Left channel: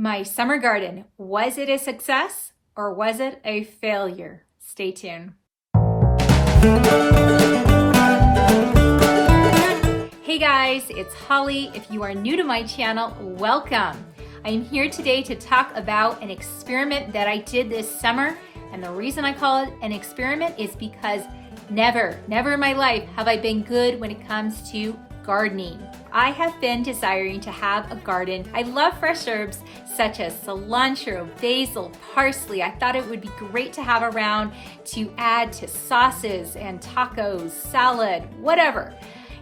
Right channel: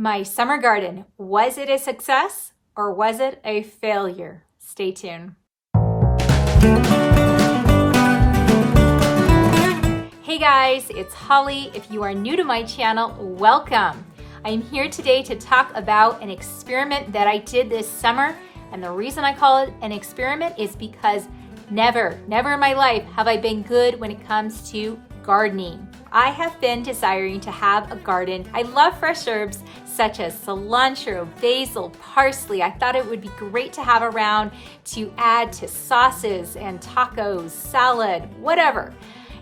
My summer garden, was it a success or was it a failure? Stay tuned. Hey guys, it's Holly. If you are new to my channel, welcome. I'm here today to talk about an experiment that I did this summer. And the reason I call it an experiment is because never in my life have I been good when it comes to gardening. I have been desiring to have a garden. I love fresh herbs such as cilantro, basil, parsley. I thought it would be great to have around to add to sauces and tacos, salad, whatever.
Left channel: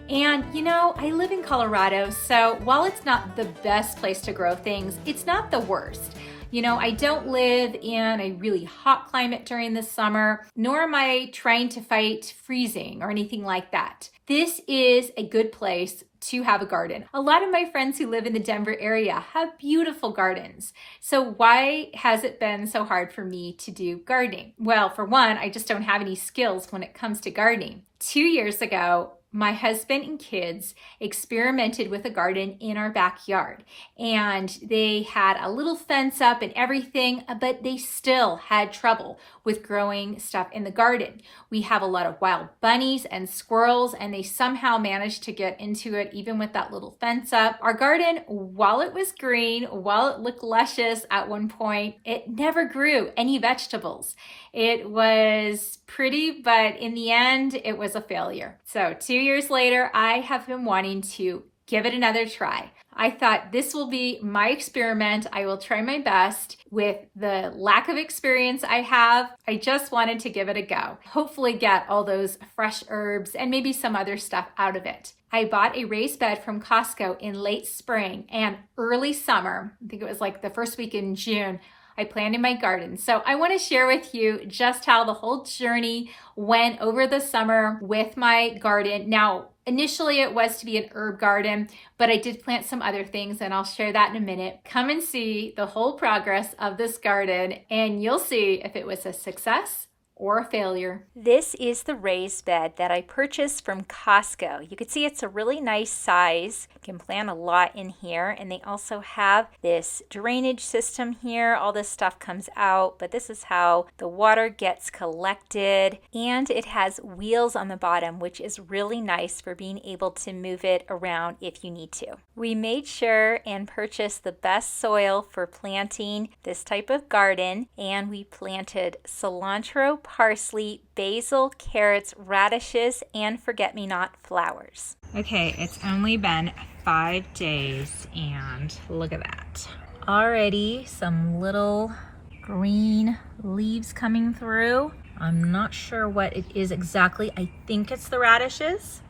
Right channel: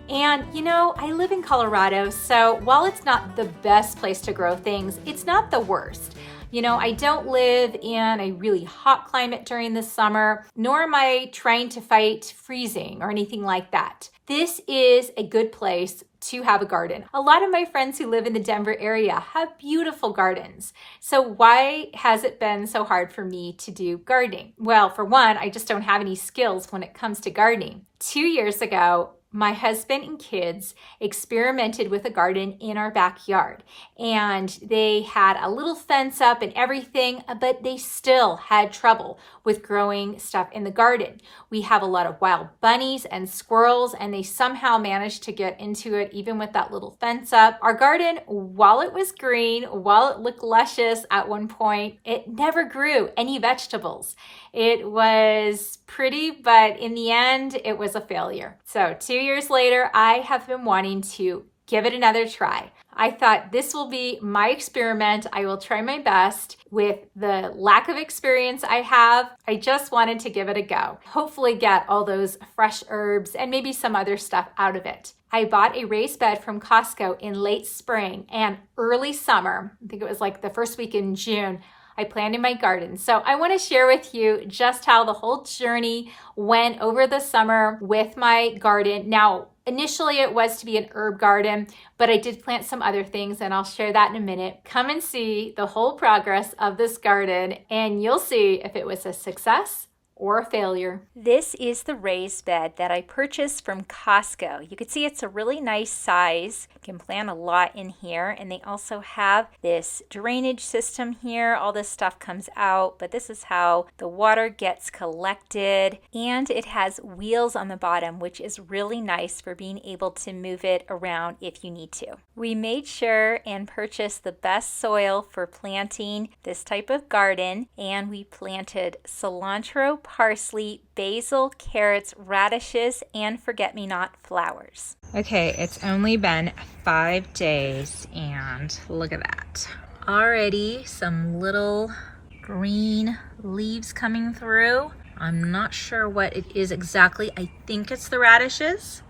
And you know, I live in Colorado, so while it's not the best place to grow things, it's not the worst. You know, I don't live in a really hot climate during the summer, nor am I trying to fight freezing or anything like that. This is a good place to have a garden. A lot of my friends who live in the Denver area have beautiful gardens. So why has it been so hard for me to do gardening? Well, for one, I just don't have any skills when it comes to gardening. 2 years ago, my husband and kids experimented with a garden in our backyard, and they had a little fence up and everything, but they still had trouble with growing stuff in the garden. We have a lot of wild bunnies and squirrels, and they somehow managed to get into it even with that little fence up. Our garden, while it was green, while it looked luscious at one point, it never grew any vegetables. It was pretty, but in the end, it was a failure. So 2 years later, I have been wanting to give it another try. I thought this will be my experiment. I will try my best. With the lack of experience I have, I just wanted to give it a go. Hopefully get all those fresh herbs and maybe some other stuff out of it. I bought a raised bed from Costco in late spring and early summer. I think it was like the first week in June. I planted my garden. So I want to share with you just how the whole journey went over the summer with my garden. Now, initially it was to be an herb garden, but I did plant some other things and I'll share that in a minute. Come and see the whole progress of this garden and you'll see if it was a success or a failure. This is the raised bed that I purchased from Costco. You can see it's a really nice size. You can plant a lot in here, and they also have this drainage system here. All this stuff comes out, but this is how the water gets collected, and it has wheels on the bottom, which is really nice for being able to move it around if you need to. We made sure and purchased the best soil for planting this type of garden, and we planted cilantro, parsley, basil, carrots, radishes, and forget-me-not flowers. Okay, it's only been 5 days and look at that. Already some little green leaves coming through. I'm not sure what it is exactly. I think it's the radishes,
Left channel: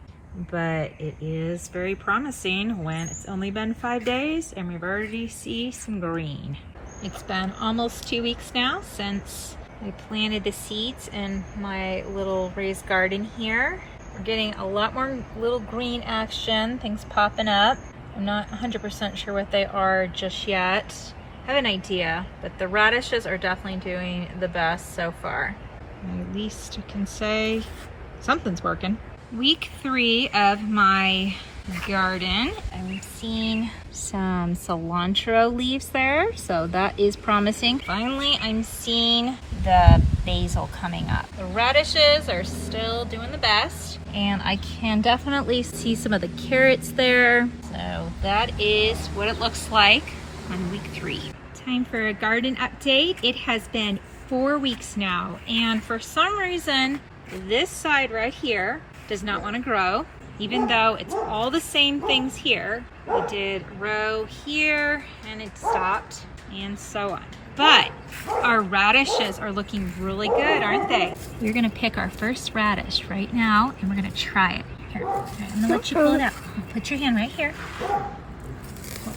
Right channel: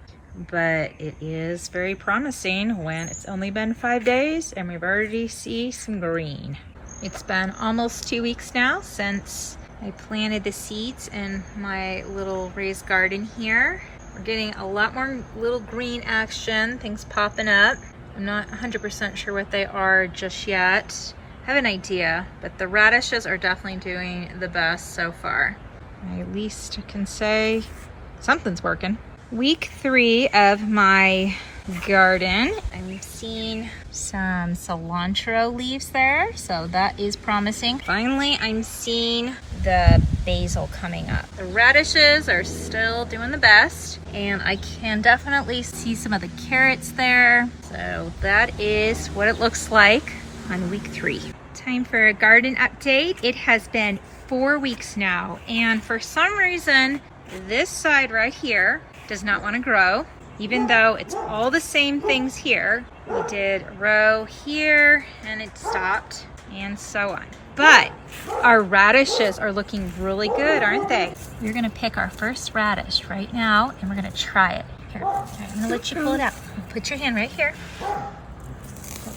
but it is very promising when it's only been 5 days and we've already seen some green. It's been almost 2 weeks now since I planted the seeds in my little raised garden here. We're getting a lot more little green action, things popping up. I'm not 100% sure what they are just yet. I have an idea, but the radishes are definitely doing the best so far. At least I can say something's working. Week 3 of my garden, I'm seeing some cilantro leaves there, so that is promising. Finally, I'm seeing the basil coming up. The radishes are still doing the best, and I can definitely see some of the carrots there. So that is what it looks like on week 3. Time for a garden update. It has been 4 weeks now, and for some reason, this side right here does not want to grow. Even though it's all the same things here. We did a row here and it stopped and so on. But our radishes are looking really good, aren't they? We're gonna pick our first radish right now and we're gonna try it. Here, all right, I'm gonna let you pull it out. Put your hand right here.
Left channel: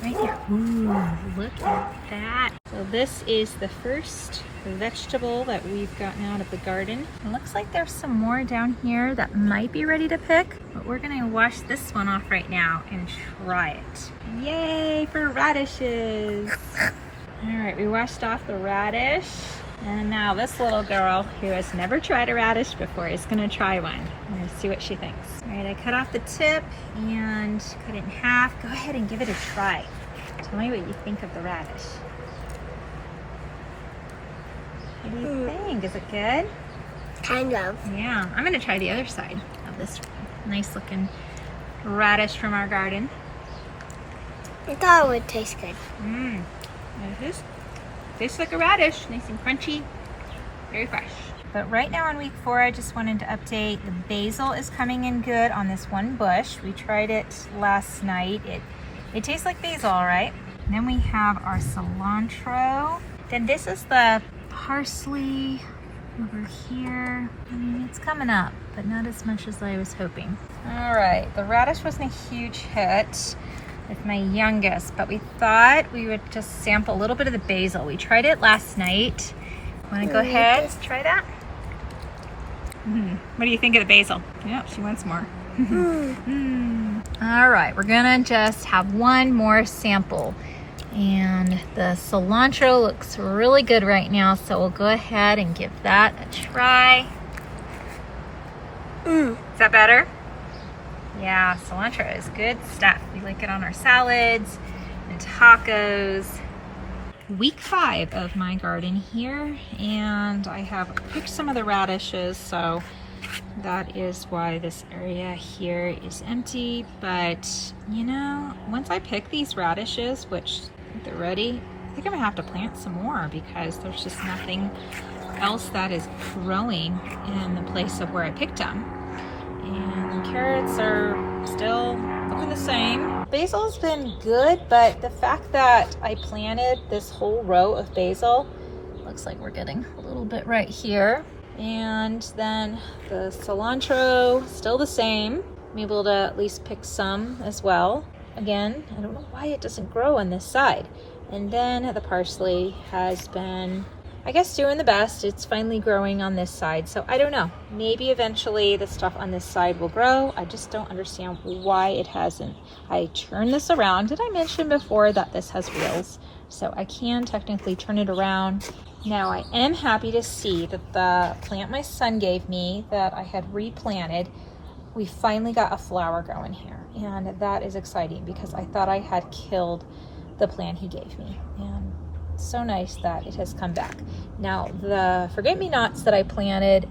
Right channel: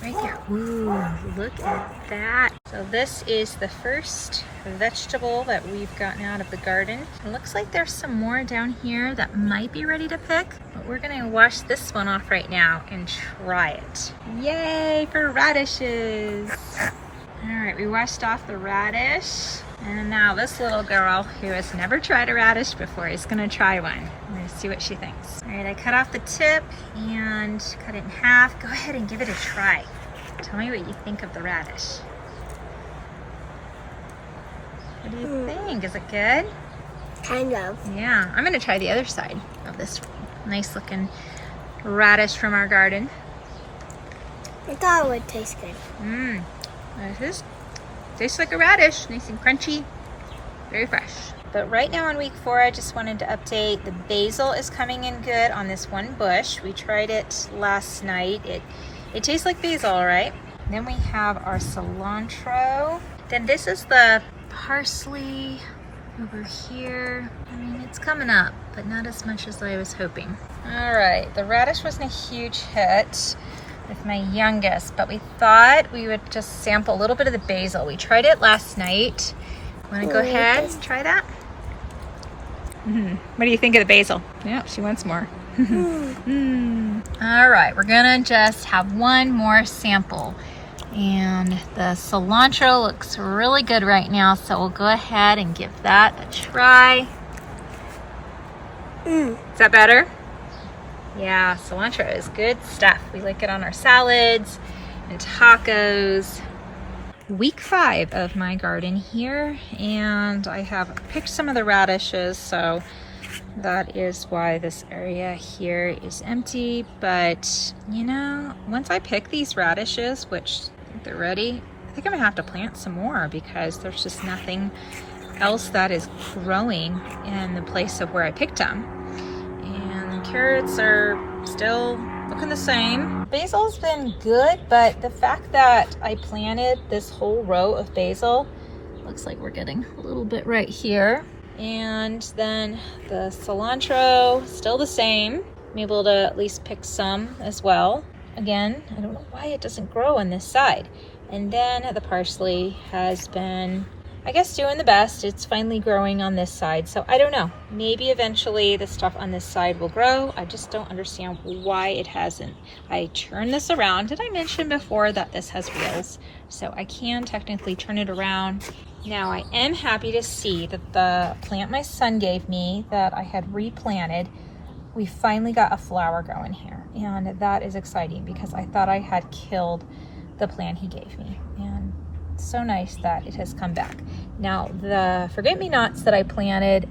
Right here. Ooh, look at that. So this is the first vegetable that we've gotten out of the garden. It looks like there's some more down here that might be ready to pick, but we're gonna wash this one off right now and try it. Yay for radishes. All right, we washed off the radish. And now this little girl who has never tried a radish before is gonna try one. We're gonna see what she thinks. All right, I cut off the tip and cut it in half. Go ahead and give it a try. Tell me what you think of the radish. What do you think? Is it good? Kind of. Yeah, I'm gonna try the other side of this nice looking radish from our garden. I thought it would taste good. This tastes like a radish, nice and crunchy, very fresh. But right now on week 4, I just wanted to update. The basil is coming in good on this one bush. We tried it last night. It tastes like basil, all right? Then we have our cilantro. Then this is the parsley over here. I mean, it's coming up, but not as much as I was hoping. All right, the radish wasn't a huge hit with my youngest, but we thought we would just sample a little bit of the basil. We tried it last night. Want to go ahead and try that? What do you think of the basil? Yeah, she wants more. All right, we're gonna just have one more sample. And the cilantro looks really good right now, so we'll go ahead and give that a try. Is that better? Yeah, cilantro is good stuff. We like it on our salads and tacos. Week 5 of my garden here, and I have picked some of the radishes, so that is why this area here is empty. But you know, once I pick these radishes, which I think they're ready, I think I'm gonna have to plant some more because there's just nothing else that is growing in the place of where I picked them. And the carrots are still looking the same. Basil's been good, but the fact that I planted this whole row of basil, looks like we're getting a little bit right here. And then the cilantro, still the same. I'm able to at least pick some as well. Again, I don't know why it doesn't grow on this side. And then the parsley has been, I guess, doing the best. It's finally growing on this side. So I don't know, maybe eventually the stuff on this side will grow. I just don't understand why it hasn't. I turned this around. Did I mention before that this has wheels? So I can technically turn it around. Now I am happy to see that the plant my son gave me that I had replanted, we finally got a flower going here. And that is exciting because I thought I had killed the plant he gave me. And so nice that it has come back. Now the forget-me-nots that I planted,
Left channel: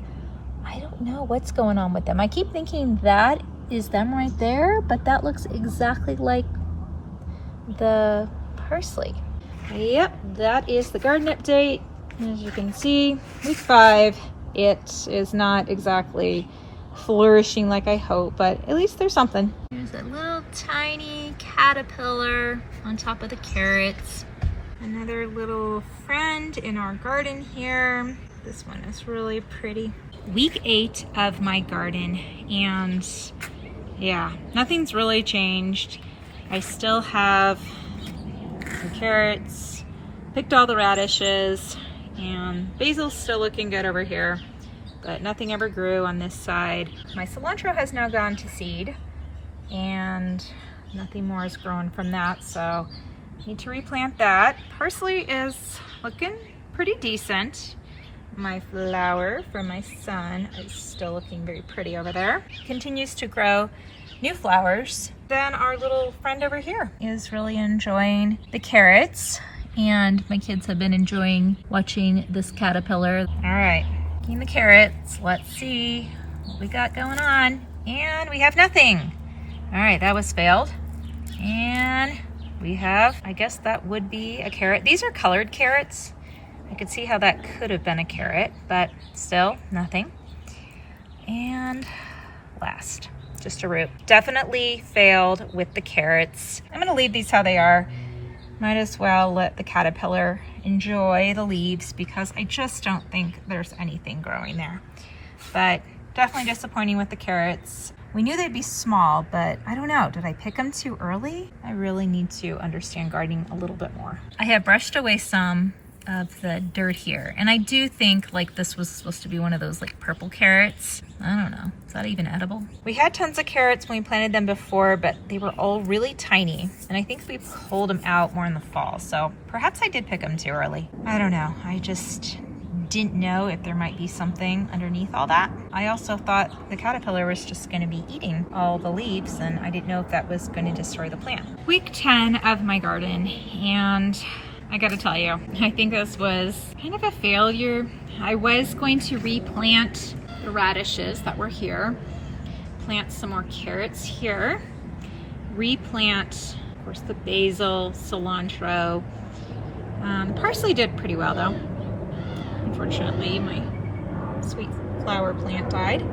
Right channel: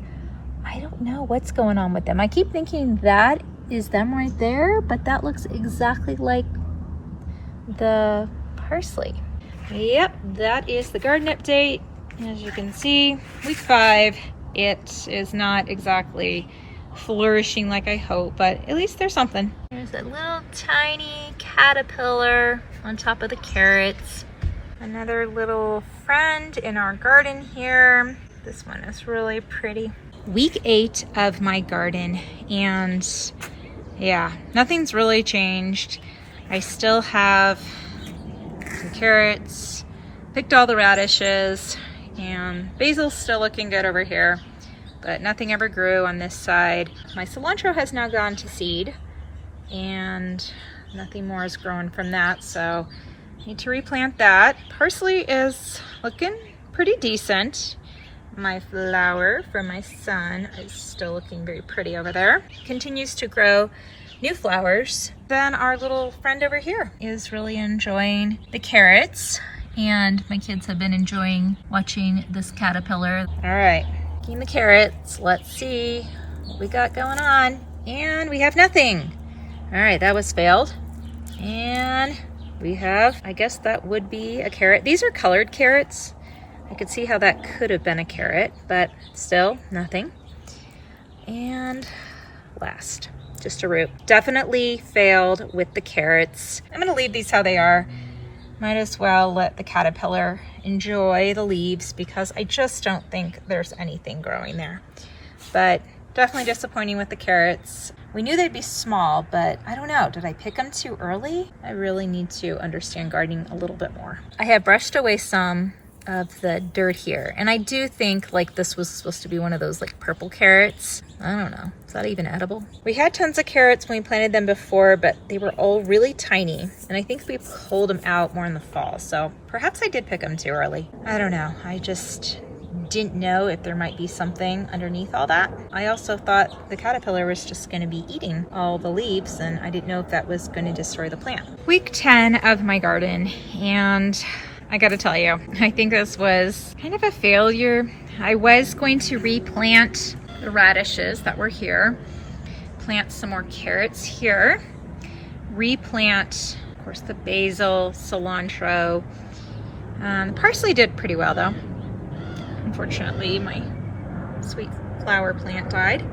I don't know what's going on with them. I keep thinking that is them right there, but that looks exactly like the parsley. Yep, that is the garden update. As you can see, week 5, it is not exactly flourishing like I hope, but at least there's something. There's a little tiny caterpillar on top of the carrots. Another little friend in our garden here. This one is really pretty. Week 8 of my garden, and yeah, nothing's really changed. I still have some carrots, picked all the radishes, and basil's still looking good over here, but nothing ever grew on this side. My cilantro has now gone to seed, and nothing more is growing from that, so need to replant that. Parsley is looking pretty decent. My flower from my son is still looking very pretty over there. Continues to grow new flowers. Then our little friend over here is really enjoying the carrots, and my kids have been enjoying watching this caterpillar. All right, getting the carrots. Let's see what we got going on. And we have nothing. All right, that was failed. And we have, I guess that would be a carrot. These are colored carrots. I could see how that could have been a carrot, but still nothing. And last, just a root. Definitely failed with the carrots. I'm gonna leave these how they are. Might as well let the caterpillar enjoy the leaves because I just don't think there's anything growing there. But definitely disappointing with the carrots. We knew they'd be small, but I don't know, did I pick them too early? I really need to understand gardening a little bit more. I have brushed away some of the dirt here, and I do think like this was supposed to be one of those like purple carrots. I don't know, is that even edible? We had tons of carrots when we planted them before, but they were all really tiny, and I think we pulled them out more in the fall, so perhaps I did pick them too early. I don't know, I just didn't know if there might be something underneath all that. I also thought the caterpillar was just going to be eating all the leaves, and I didn't know if that was going to destroy the plant. Week 10 of my garden, and I gotta tell you, I think this was kind of a failure. I was going to replant the radishes that were here, plant some more carrots here, replant, of course, the basil, cilantro. Parsley did pretty well though. Unfortunately, my sweet flower plant died,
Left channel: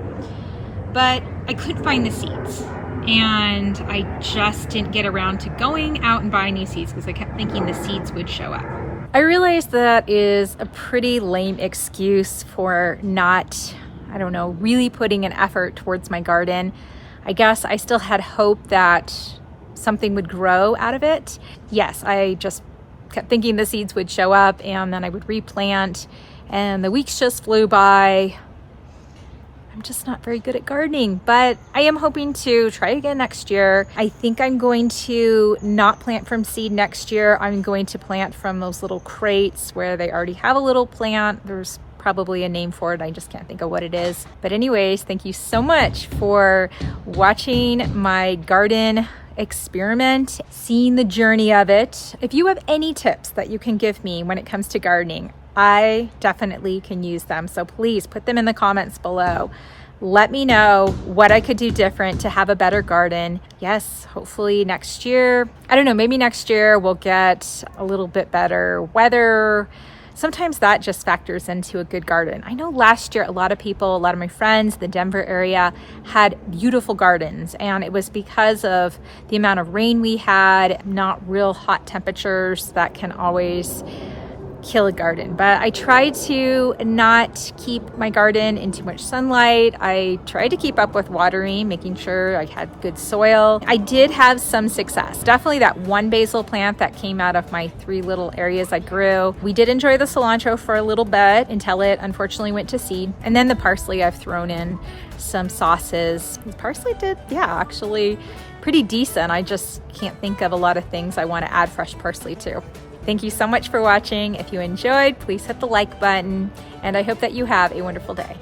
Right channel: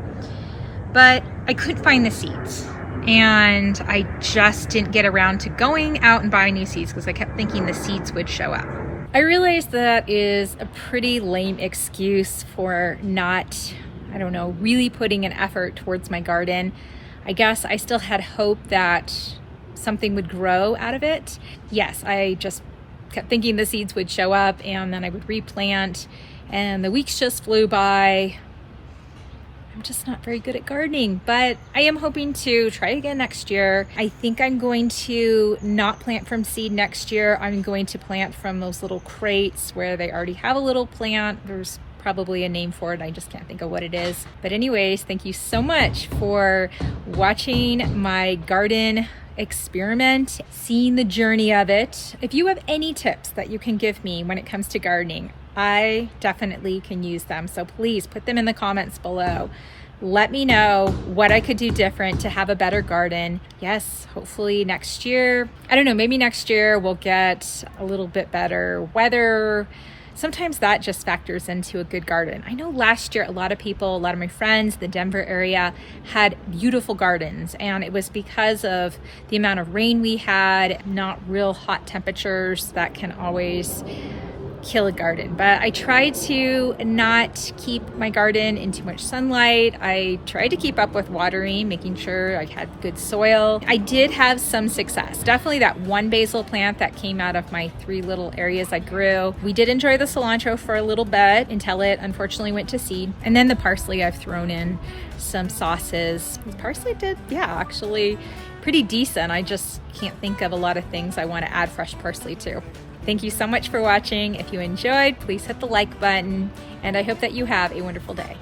but I couldn't find the seeds. And I just didn't get around to going out and buying new seeds because I kept thinking the seeds would show up. I realize that is a pretty lame excuse for not, I don't know, really putting an effort towards my garden. I guess I still had hope that something would grow out of it. Yes, I just kept thinking the seeds would show up and then I would replant, and the weeks just flew by. I'm just not very good at gardening, but I am hoping to try again next year. I think I'm going to not plant from seed next year. I'm going to plant from those little crates where they already have a little plant. There's probably a name for it. I just can't think of what it is. But anyways, thank you so much for watching my garden experiment, seeing the journey of it. If you have any tips that you can give me when it comes to gardening, I definitely can use them. So please put them in the comments below. Let me know what I could do different to have a better garden. Yes, hopefully next year, I don't know, maybe next year we'll get a little bit better weather. Sometimes that just factors into a good garden. I know last year, a lot of people, a lot of my friends, the Denver area had beautiful gardens, and it was because of the amount of rain we had, not real hot temperatures that can always kill a garden. But I try to not keep my garden in too much sunlight. I try to keep up with watering, making sure I had good soil. I did have some success. Definitely that one basil plant that came out of my 3 little areas I grew. We did enjoy the cilantro for a little bit until it unfortunately went to seed. And then the parsley, I've thrown in some sauces. The parsley did, actually pretty decent. I just can't think of a lot of things I want to add fresh parsley to. Thank you so much for watching. If you enjoyed, please hit the like button, and I hope that you have a wonderful day.